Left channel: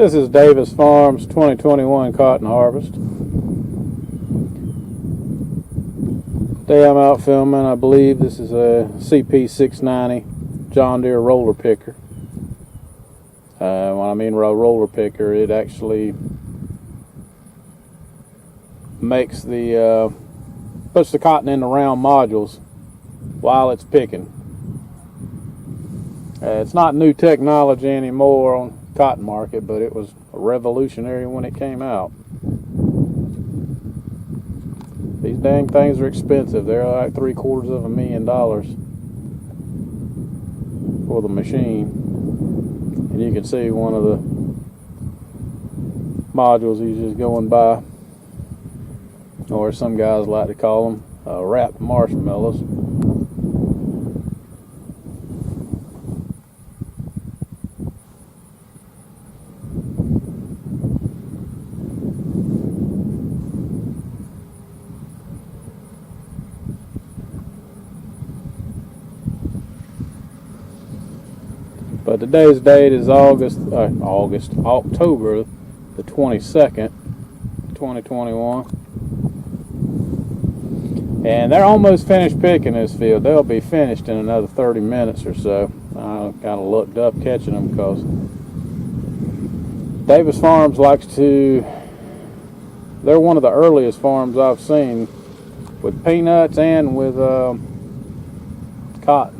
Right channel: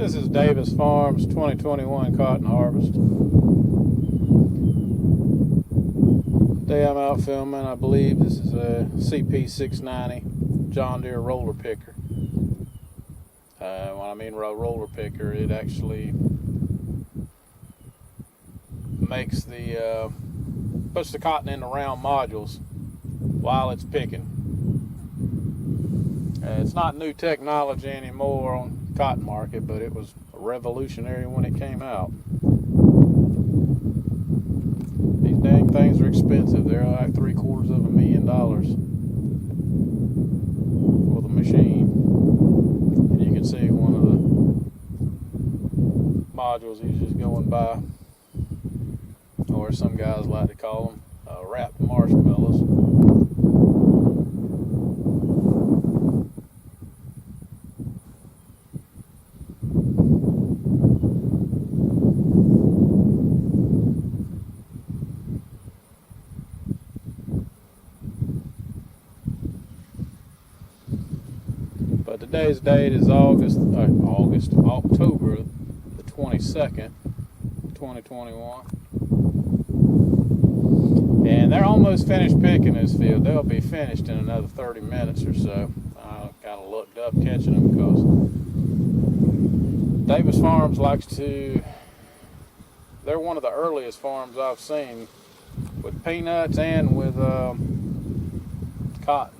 This is Davis Farms 2021 cotton harvest. Today I'm out filming, I believe this is a CP690 John Deere roller picker. When I mean roller picker, it actually makes the puts the cotton in the round modules while it's picking. It's not new technology anymore on the cotton market, but it was revolutionary when it came out. These dang things are expensive. They're like $750,000 for the machine. And you can see one of the modules he's just going by, or some guys like to call them wrapped marshmallows. But today's date is October the 22nd, 2021. And they're almost finished picking this field. They'll be finished in another 30 minutes or so. I kind of looked up catching them because Davis Farms likes to, they're one of the earliest farms I've seen with peanuts and with cotton.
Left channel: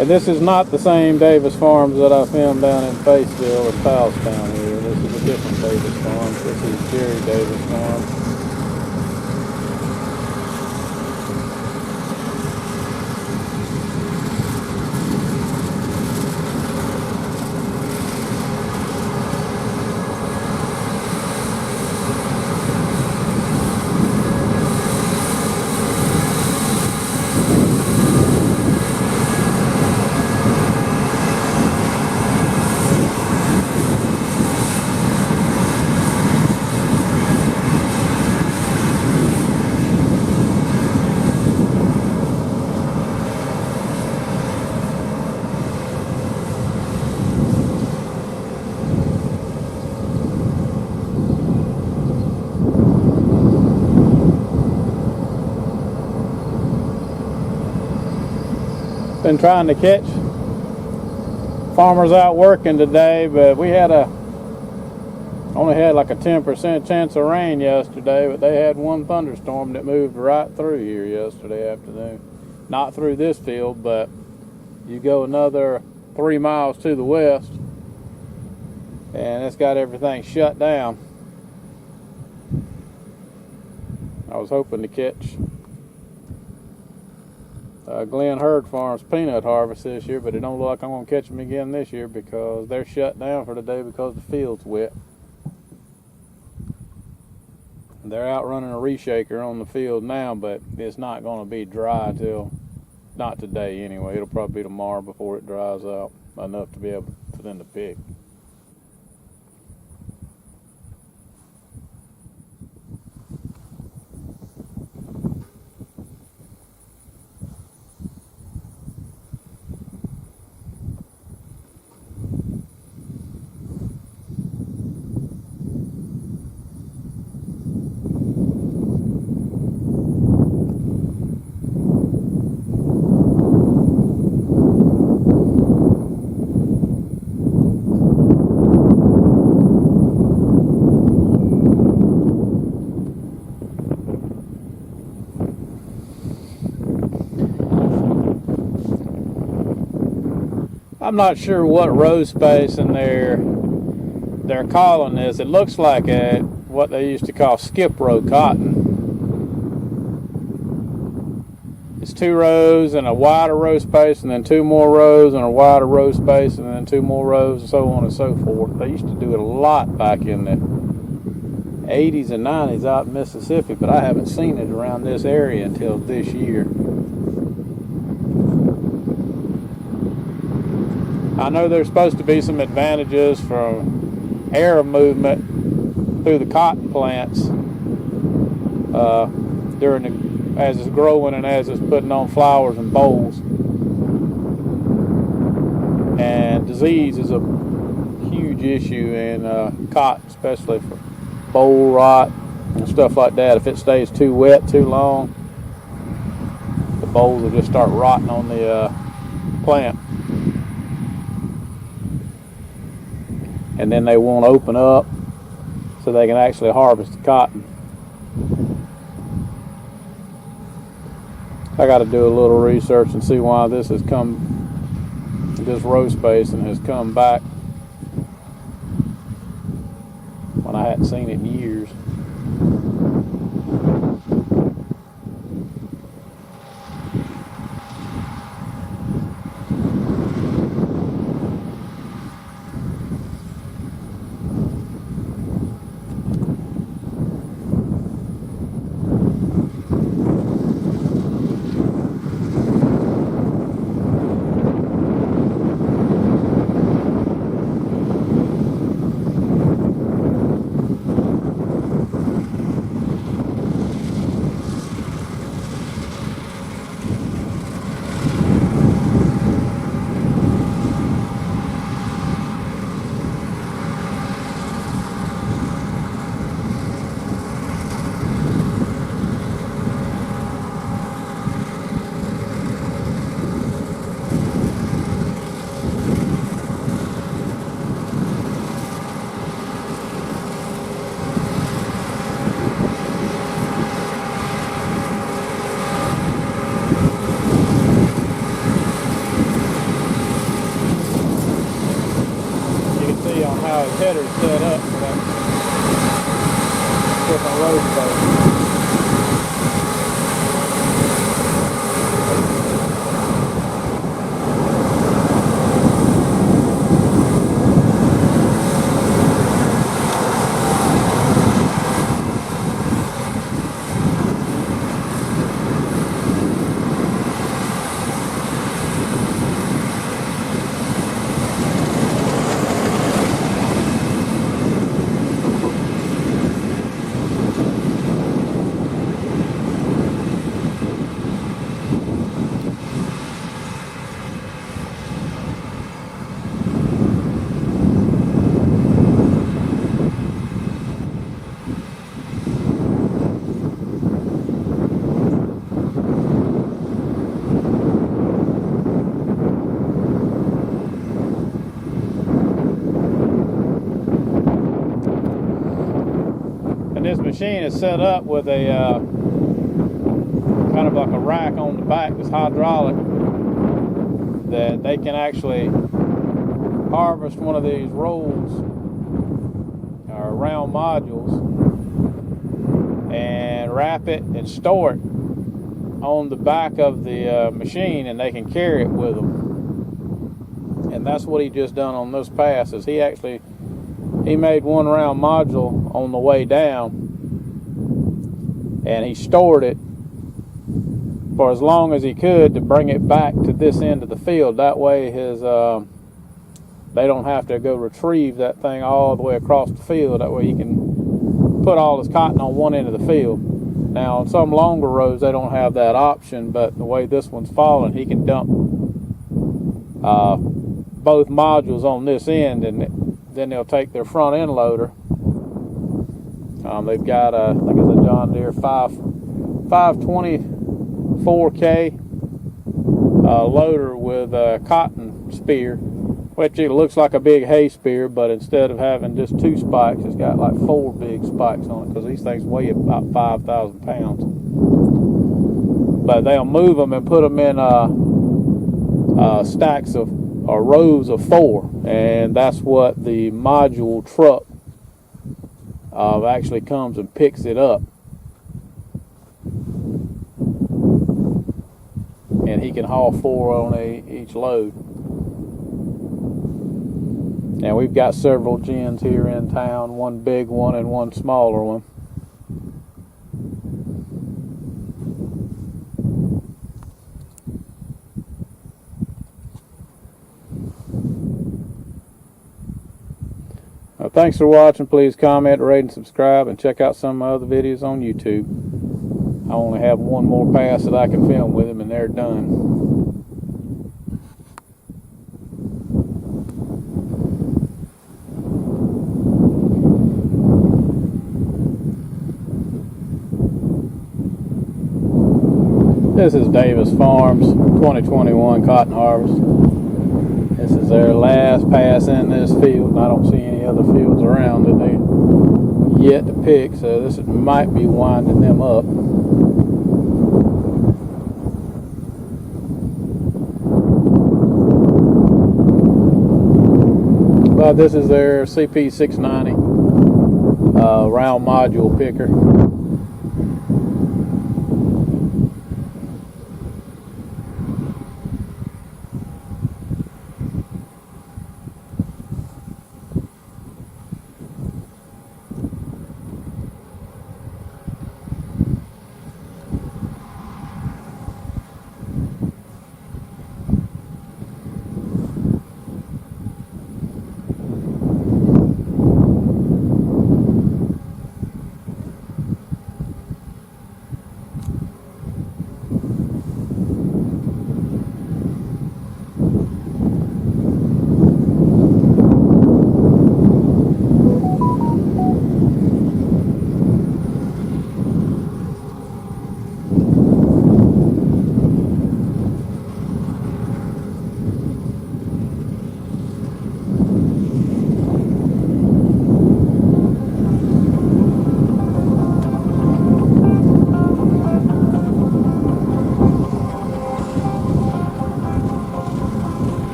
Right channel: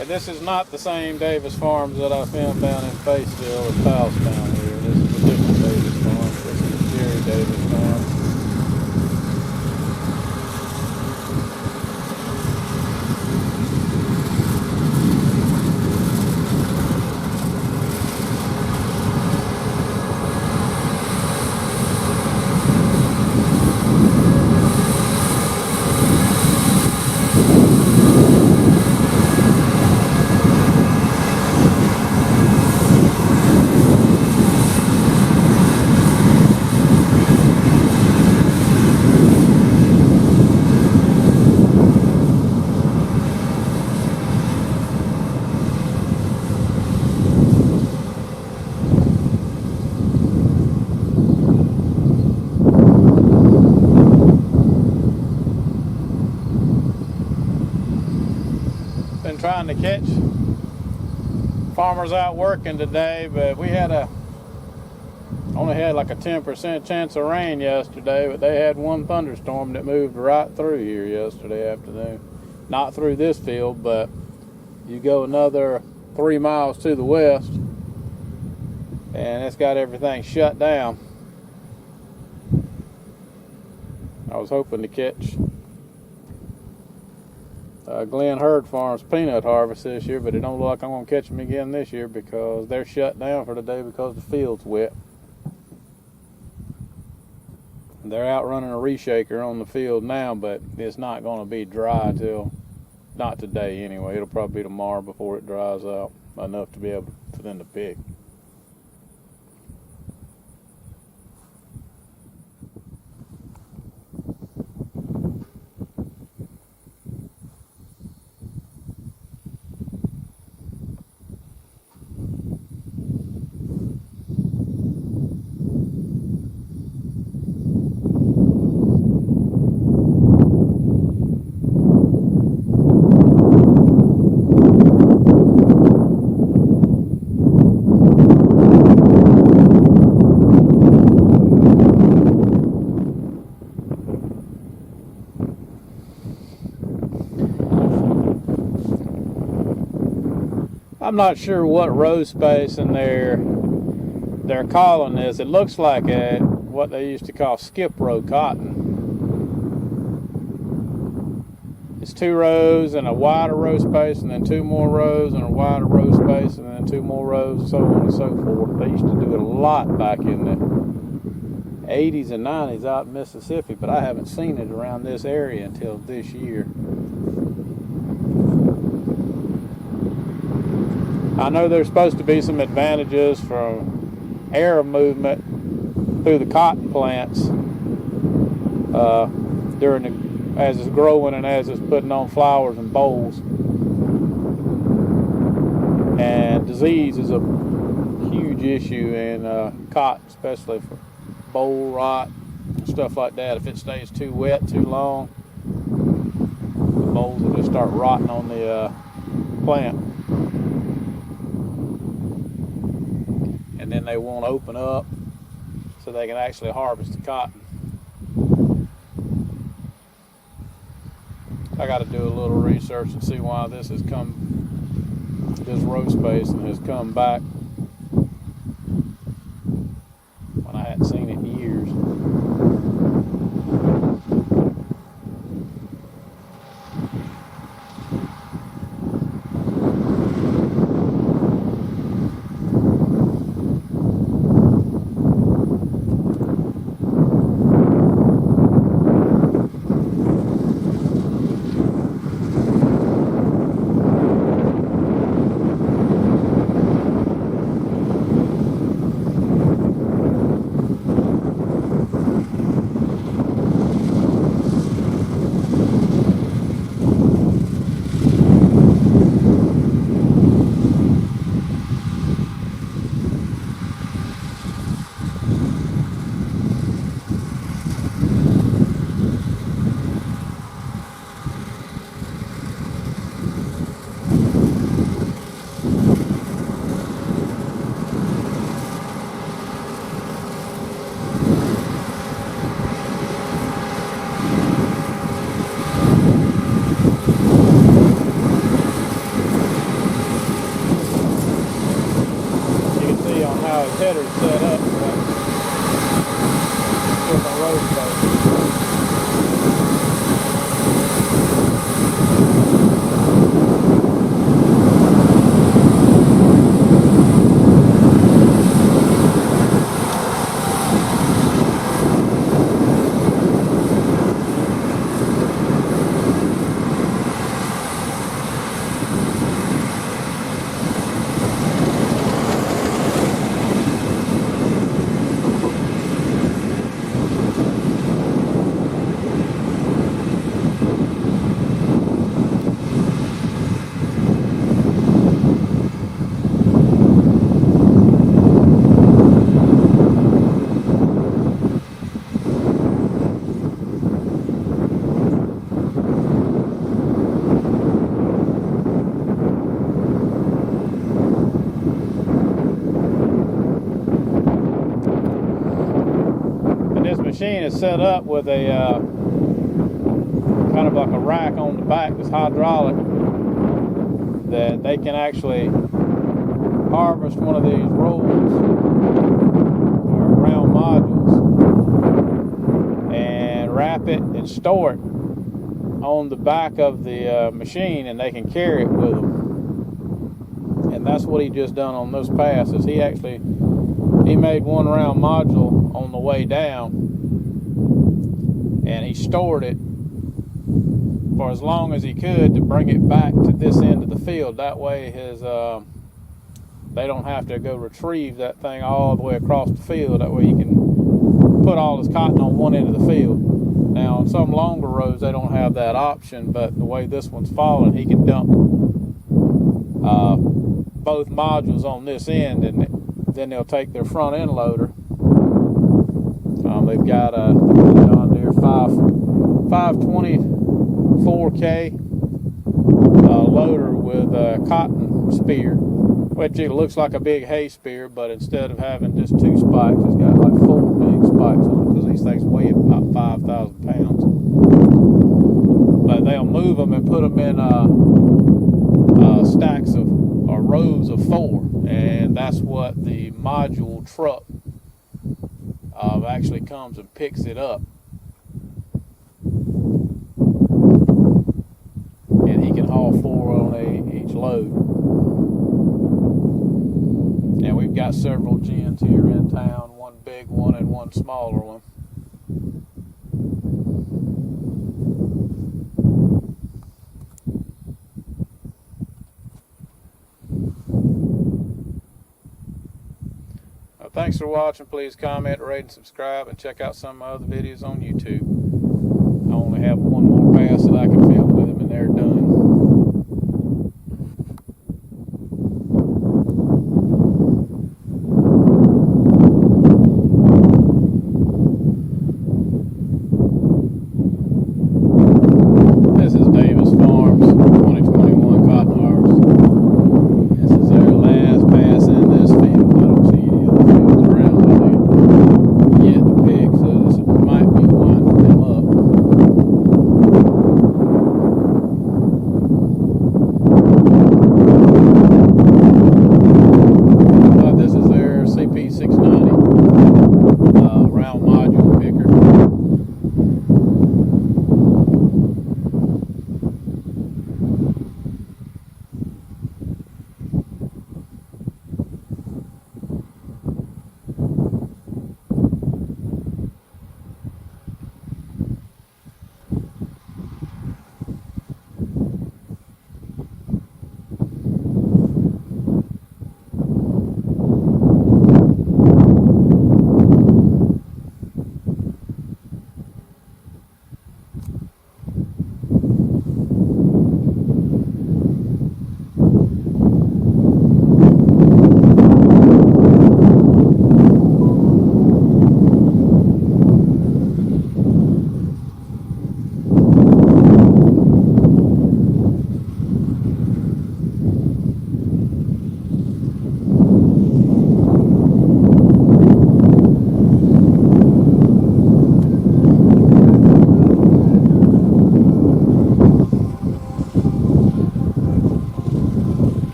And this is not the same Davis Farms that I filmed down in Faceville or Powellstown here. This is a different Davis Farms. This is Jerry Davis Farm. Been trying to catch farmers out working today, but we had only had like a 10% chance of rain yesterday, but they had one thunderstorm that moved right through here yesterday afternoon. Not through this field, but you go another 3 miles to the west and it's got everything shut down. I was hoping to catch Glenn Hurd Farms peanut harvest this year, but it don't look like I'm going to catch them again this year because they're shut down for the day because the field's wet. And they're out running a reshaker on the field now, but it's not going to be dry until, not today anyway. It'll probably be tomorrow before it dries out enough to be able for them to pick. I'm not sure what row spacing they're calling this. It looks like what they used to call skip row cotton. It's 2 rows and a wider row space, and then 2 more rows and a wider row space, and then 2 more rows, and so on and so forth. They used to do it a lot back in the 80s and 90s out in Mississippi, but I haven't seen it around this area until this year. I know there's supposed to be some advantages from air movement through the cotton plants as it's growing and as it's putting on flowers and bolls. And disease is a huge issue in cotton, especially for boll rot and stuff like that. If it stays too wet too long, the bolls will just start rotting on the plant, and then they won't open up so they can actually harvest the cotton. I got to do a little research and see why this row spacing has come back when I hadn't seen it in years. How his header's set up for that different road spacing. This machine is set up with a kind of like a rack on the back that's hydraulic, that they can actually harvest one of these rolls or round modules and wrap it and store it on the back of the machine, and they can carry it with them. And that's what he just done on those passes. He made one round module on the way down, and he stored it for as long as he could to bring it back to this end of the field. That way they don't have to go retrieve that thing all the way across the field. That way he can put all his cotton on one end of the field. Now on some longer rows they don't have that option, but the way this one's falling, he can dump both modules on this end, and then they'll take their front end loader. They've got look at the John Deere 524K loader with a cotton spear, which it looks like a big hay spear, but instead of having just 2 spikes, it's got like 4 big spikes on it, because these things weigh about 5,000 pounds. But they'll move them and put them in stacks of or rows of 4, and that's what the module truck actually comes and picks it up, and he can haul 4 on each load. Now we've got several gens here in town, one big one and one smaller one. Well, thanks for watching. Please comment, rate, and subscribe, and check out some of my other videos on YouTube. I only have one more pass that I can film with them, and they're done. This is Davis Farms 2021 cotton harvest. This is their last pass in this field, and I don't see any other fields around that they yet to pick, so this might be winding them up. But this is their CP690 round module picker.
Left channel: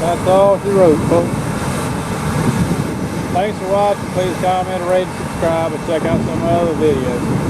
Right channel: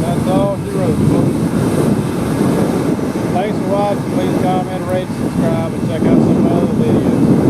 That's all she wrote, folks. Thanks for watching. Please comment, rate, subscribe, and check out some of my other videos.